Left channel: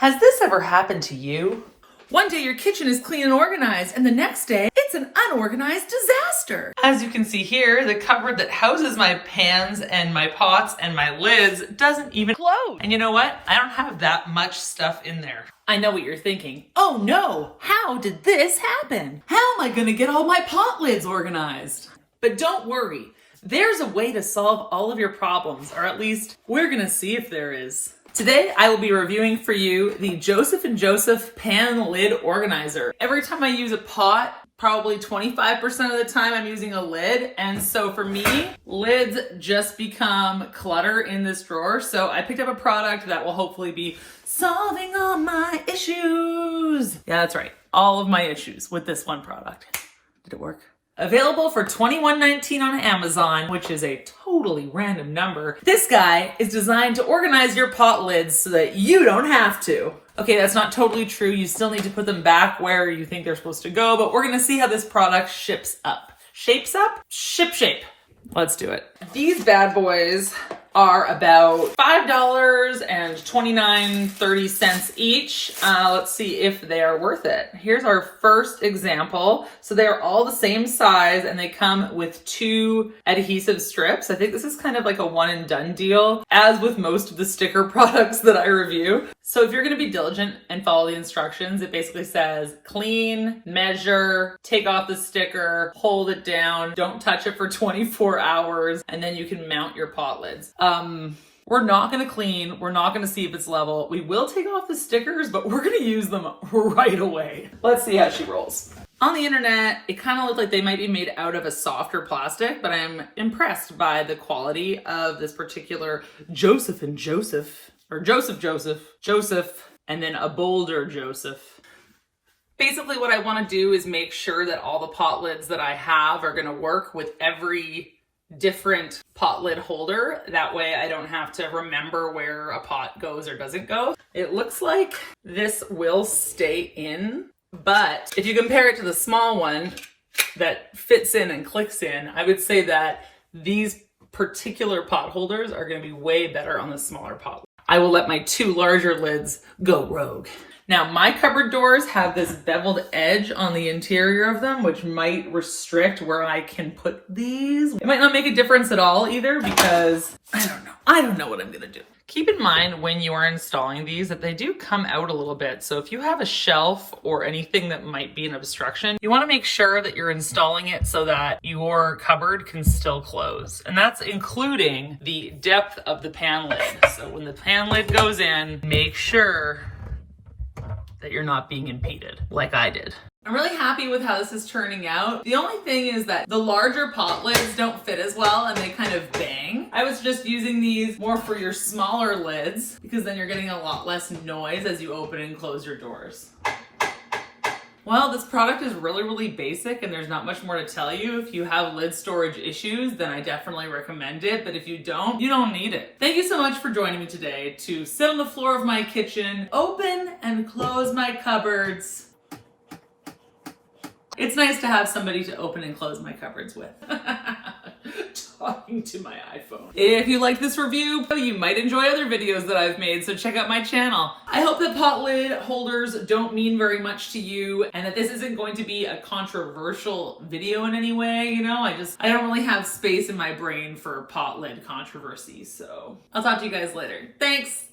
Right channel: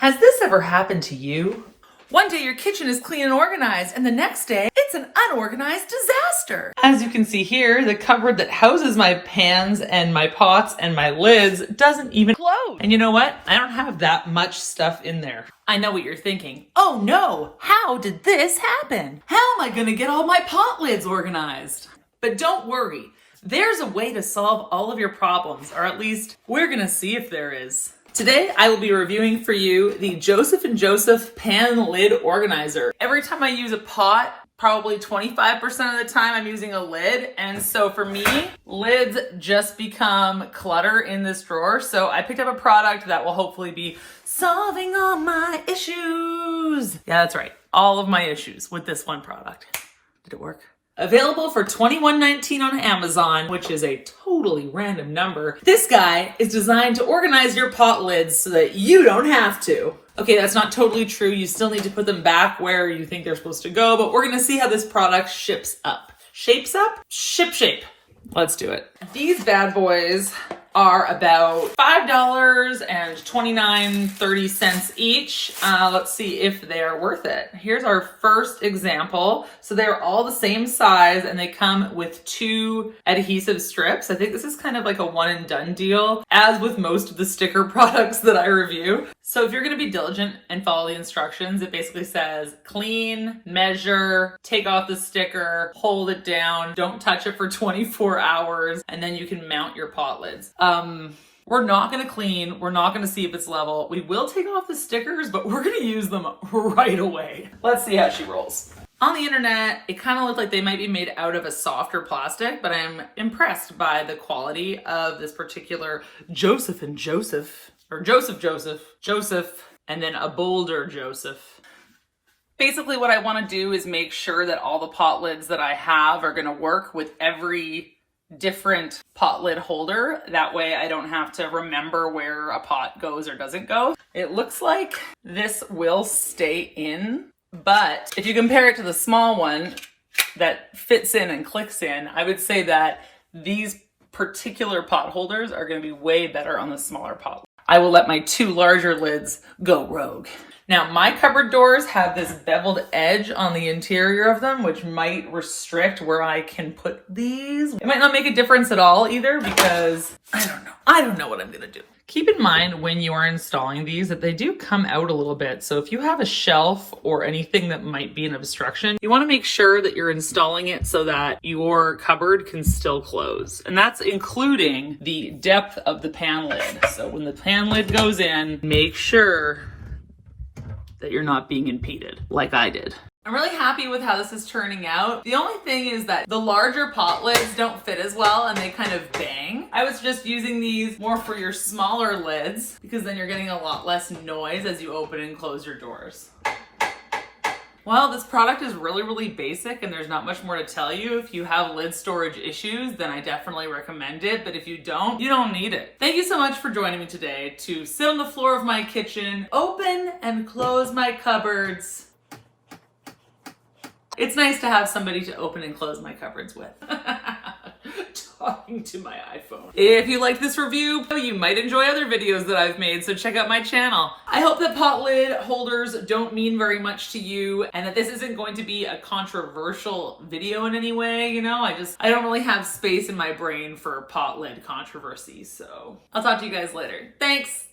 Has this ever happened to you? One day your kitchen is clean and organized, and the next day it's an unorganized disaster. As you can see here, the cupboard that houses my pans and my pots and my lids doesn't even close. And you know what? I don't have that much stuff in there. I know what you're thinking. Oh no, how did this happen? How am I gonna get all my pot lids organized? But don't worry, there's a way to solve all of your problems, or at least we're gonna see if there is. Today, I will be reviewing for you the Joseph & Joseph Pan Lid Organizer. Every time I use a pot, probably 25% of the time I'm using a lid. And so for me, lids just become clutter in this drawer. So I picked up a product that will hopefully be solving all my issues. Yeah, that's right. All of my issues with this one product. Did it work? Available for $21.19 on Amazon, which is a totally random number. This guy is designed to organize your pot lids so that you don't have to. Okay, that's not totally true. You still need to put them back where you think they're supposed to go, but we're gonna see how this product ships up. Shapes up? Ship shape. Let's do it. These bad boys are about $5.29-30 each. Let's see if they are worth it. Here's our first example. So they're all the same size and they come with 2 adhesive strips. I think this is kind of like a one and done deal, as with most of the sticker products that I review. So if you're gonna be diligent and follow the instructions, it basically says clean, measure, take off the sticker, hold it down, don't touch it for 24 hours, and then you can mount your pot lids. We're not gonna clean, we're not gonna see if it's level. We will take off the stickers, but we're gonna use them right away. Let's see how she rolls. On the internet, it kind of looked like they might be made out of a softer plastic, but I'm impressed by the quality of this particular Joseph & Joseph, or Joseph, and then a bolder Joseph. Basically what I want to do is make sure that all the pot lids that I have are going to work with every different pot lid holder. That way I don't have to remember where a pot goes or doesn't go. It looks like this will stay in, but if you compare it to the small one that fits in and clicks in, I would say that these particular pot holders are going to be way better on the smaller pot. I will let my 2 larger lids go rogue. Now, my cupboard doors have this beveled edge on the interior of them, which might restrict where I can put these. It might not make a difference at all either because I don't know. I don't know what I'm gonna do. Keep in mind when you are installing these that they do come out a little bit. So if you have a shelf or anything that might be an obstruction, you wanna make sure that you're installing it so that your cupboard can still close. And that's including the depth of the pan lid. So when the pan lid goes in, make sure that you're not being impeded like I did. I'm really happy with how this is turning out. The only thing is that the larger pot lids don't fit as well and they kind of bang. I was just using these more for your smaller lids because then you're getting a lot less noise as you open and close your doors. Well, this product is really, really basic and there's not much more to tell you. If you have lid storage issues, then I definitely recommend it. But if you don't need it. Thank you so much for joining me today to sit on the floor of my kitchen, open and close my cupboards. It's nice to have somebody to open and close my cupboards with. Talking to my iPhone. If you like this review, you might enjoy other videos that I've made, so check out my channel. I hope that pot lid holders don't mean very much to you and that this isn't going to be a controversial video in any way, you know? I don't really have space in my brain for pot lid controversy, so I'll talk to you guys later. Thanks!